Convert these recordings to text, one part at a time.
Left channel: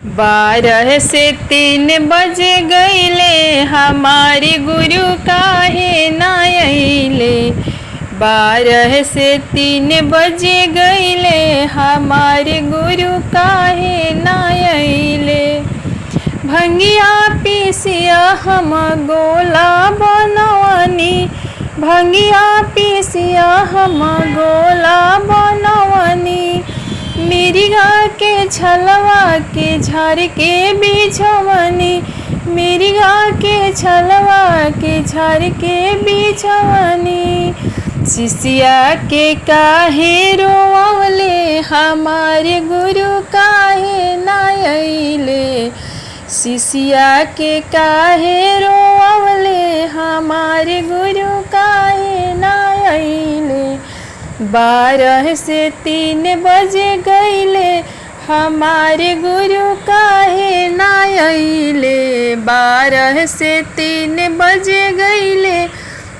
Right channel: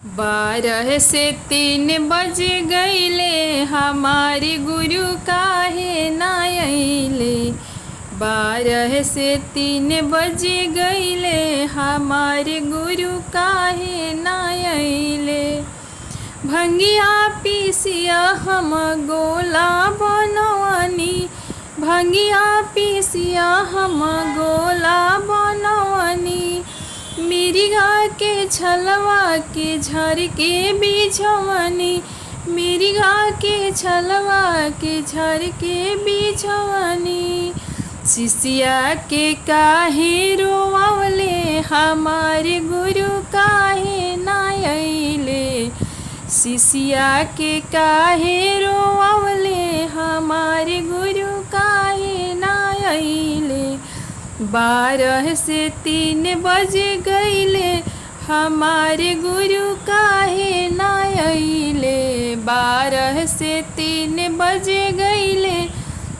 12 से 3 बज गईले हमारे गुरु काहे ना अइले। 12 से 3 बज गईले हमारे गुरु काहे ना अइले। भंगिया पीसिया हम गोला बनवनी, भंगिया पीसिया हम गोला बनवनी। मिर्गा के छलवा के झाड़ के बिछवनी, मिर्गा के छलवा के झाड़ के बिछवनी। शिष्या के काहे रोवले हमारे गुरु काहे ना अइले। शिष्या के काहे रोवले हमारे गुरु काहे ना अइले। 12 से 3 बज गईले हमारे गुरु काहे ना अइले। 12 से 3 बज गईले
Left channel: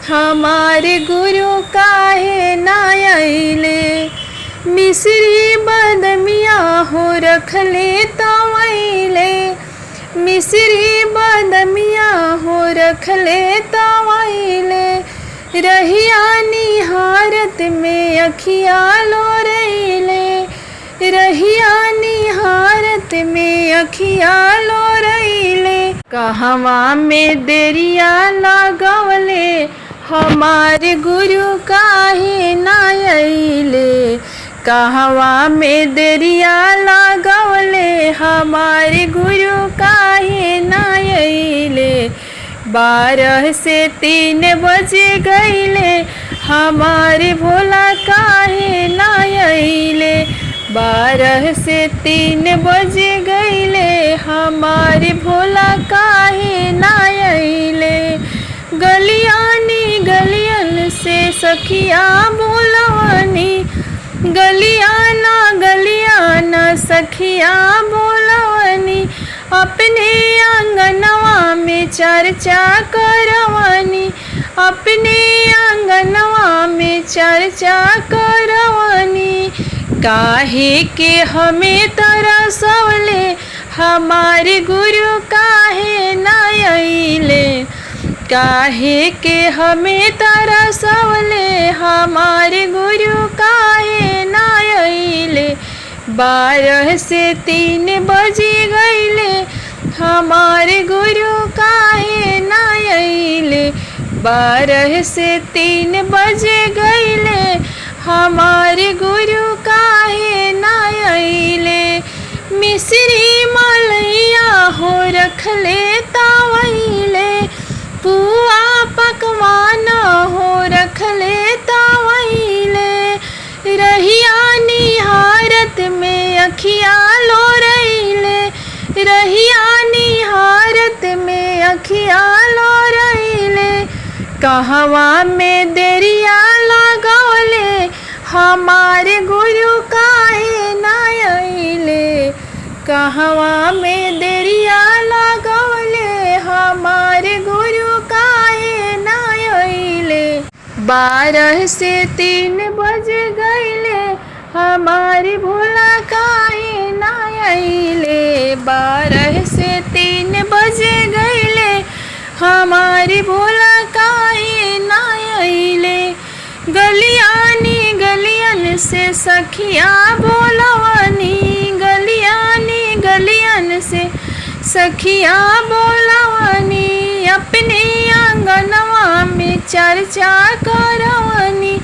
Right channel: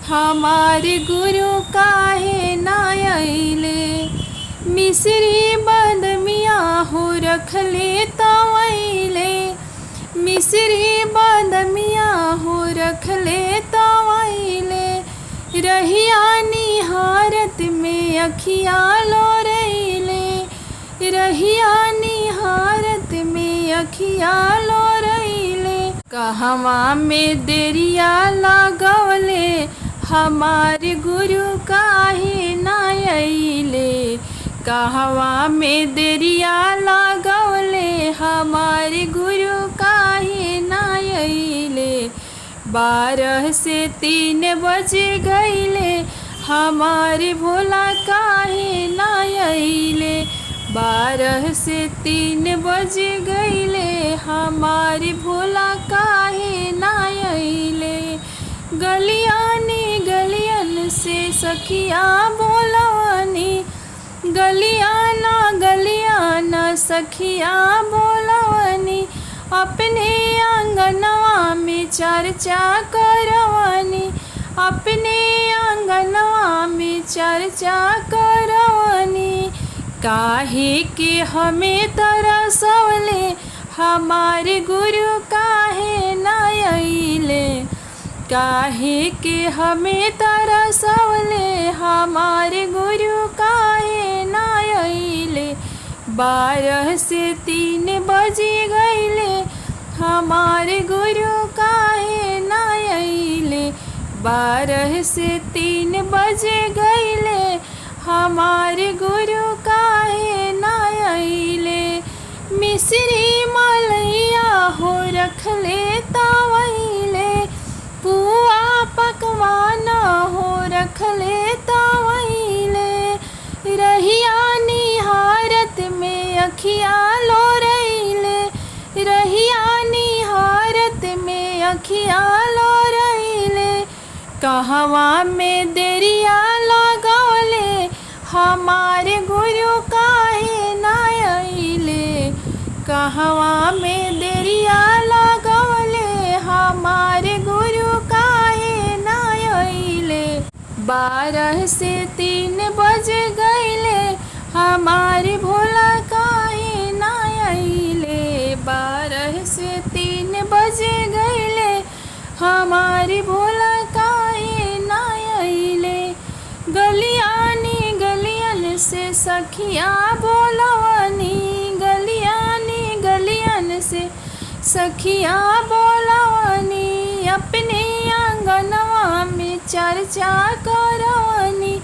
हमारे गुरु काहे ना अइले। मिस्री बदमिया हो रखले तवैले, मिस्री बदमिया हो रखले तवैले। रहिया निहारत में अखिया लोरैले, रहिया निहारत में अखिया लोरैले। कहवा में देरिया लगवले हमारे गुरु काहे ना अइले। कहवा में देरिया लगवले हमारे गुरु काहे ना अइले। 12 से 3 बज गईले हमारे भोला काहे ना अइले। 12 से 3 बज गईले हमारे भोला काहे ना अइले। गलियानी गलियन से सखिया बोलवनी, गलियाना गलियाना सखिया बोलवनी। अपने आंगनवा में चर्चा करवनी, अपने आंगनवा में चर्चा करवनी। काहे के हमें तरसवले हमारे गुरु काहे ना अइले। काहे के हमें तरसवले हमारे गुरु काहे ना अइले। 12 से 3 बज गईले हमारे गुरु काहे ना अइले। 12 से 3 बज गईले हमारे गुरु काहे ना अइले। मिस्री मलैया हो रखले तवैले, पुआ पकवान हो रखले तवैले। रहिया निहारत में अखिया लोरैले, रहिया निहारत में अखिया लोरैले। कहवा में देरिया लगवले हमारे गुरु काहे ना अइले। कहवा में देरिया लगवले हमारे गुरु काहे ना अइले। 12 से 3 बज गईले हमारे भोला काहे ना अइले। 12 से 3 बज गईले हमारे भोला काहे ना अइले। गलियानी गलियन से सखिया बोलवनी, गलियानी गलियन से सखिया बोलवनी। अपने आंगनवा में चर्चा करवनी,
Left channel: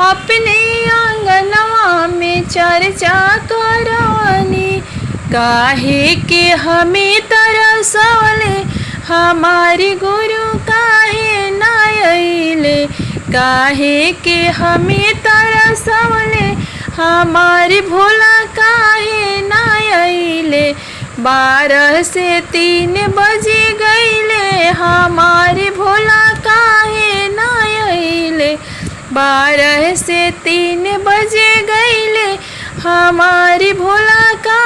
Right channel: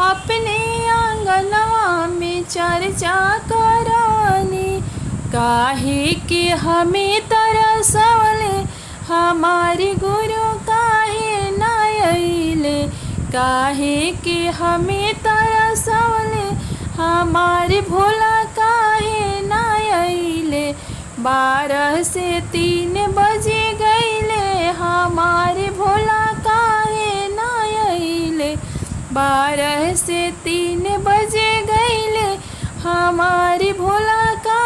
अपने आंगनवा में चर्चा करवनी। काहे के हमें तरसवले हमारे गुरु काहे ना अइले। काहे के हमें तरसवले हमारे भोला काहे ना अइले। 12 से 3 बज गईले हमारे भोला काहे ना अइले। 12 से 3 बज गईले हमारे भोला का